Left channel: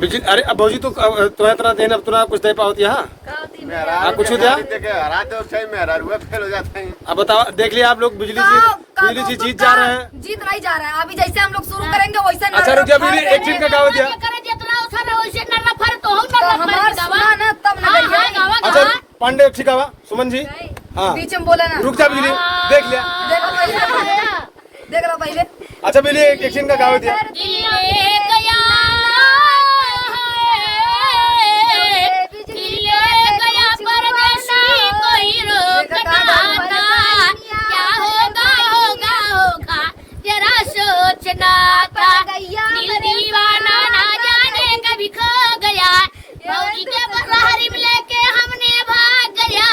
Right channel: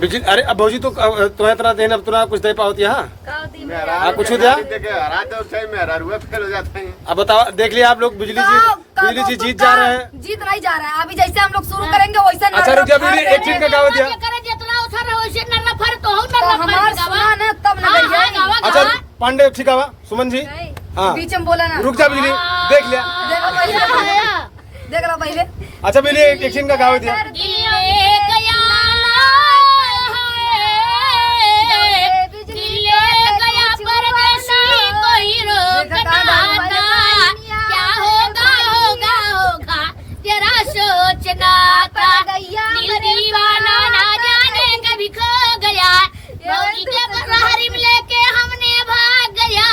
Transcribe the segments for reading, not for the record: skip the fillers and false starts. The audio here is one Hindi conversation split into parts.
बिजली अरे अब भौजी तो तुम्हें इतना देन अब तुना कुछ दे पाओ यहाँ आप कुछ दिया अब बताओ देख लिया आप लोग बिजली जी जीत जा रहे हैं। जीत नहीं जा रहा है अभी जैसे हम लोग शुरू करेंगे वैसे। अच्छा रुकिए बिजली एक चीज का गाँव दिया हमारा सुना ना तब न करिए। अच्छा पांडे ठीक है सुमन जी हाँ बीच में बोला ना रुक जा बिजली देख लिया देखो पहले देख रहा पहले। अच्छा बिजली एक चीज का गाँव दिया सोचना था दीवाना ना जाने कभी खो गया भौजी के बरहरी में लेके हमने भाग गया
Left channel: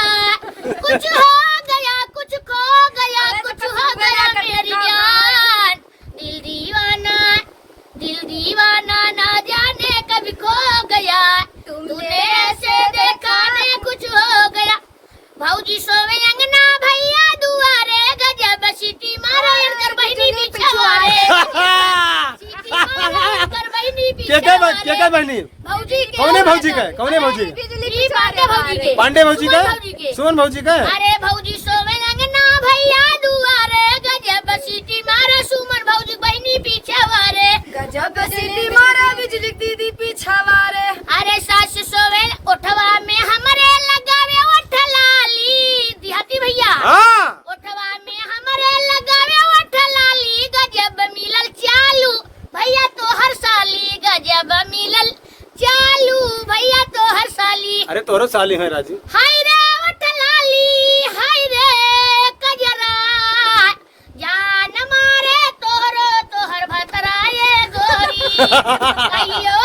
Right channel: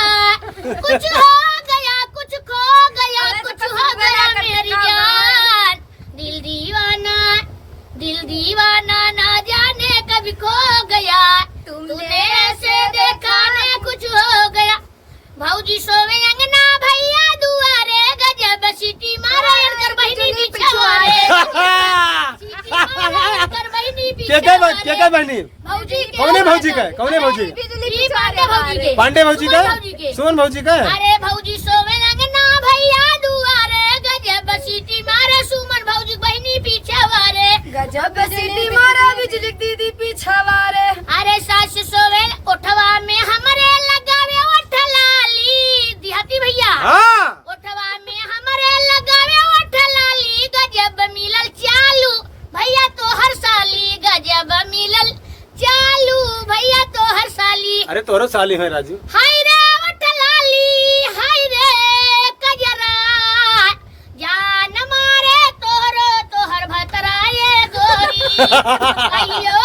कुछ हो गया कुछ खो गया कुछ हो गया मेरी जान दिल दीवाना ना जाने कभी खो गया तूने ऐसे देखा ने कुछ हो गया भौजी सोवे अंगना भैया दुआरे गजब सीटी मारे कर बहिनी बिछवारे क्या बहनी कौन है भौजी का कौन है भौजी पांडे भौजी का सुमन भौजी का अरे भौजी सोवे अंगना भैया दुआरे गजब सीटी मारे सुमन भौजी बहिनी पीछे वारे गजब सीटी मारे बिजली दीदी पीछे वारे। अरे सास सोवे उठवा में हमारे लगावे उठ लाली देहाती भैया उठवा में हमारे लगावे उठ लाली गजब मिलल चालू भैया तो हर साली गजब मिलल चालू भैया तो हर साली। अरे तोरो साली है राजू हाय रे उठ लाली हाय रे कजरा जान मारे तोरो तोहर भतरा ये गोरी अयो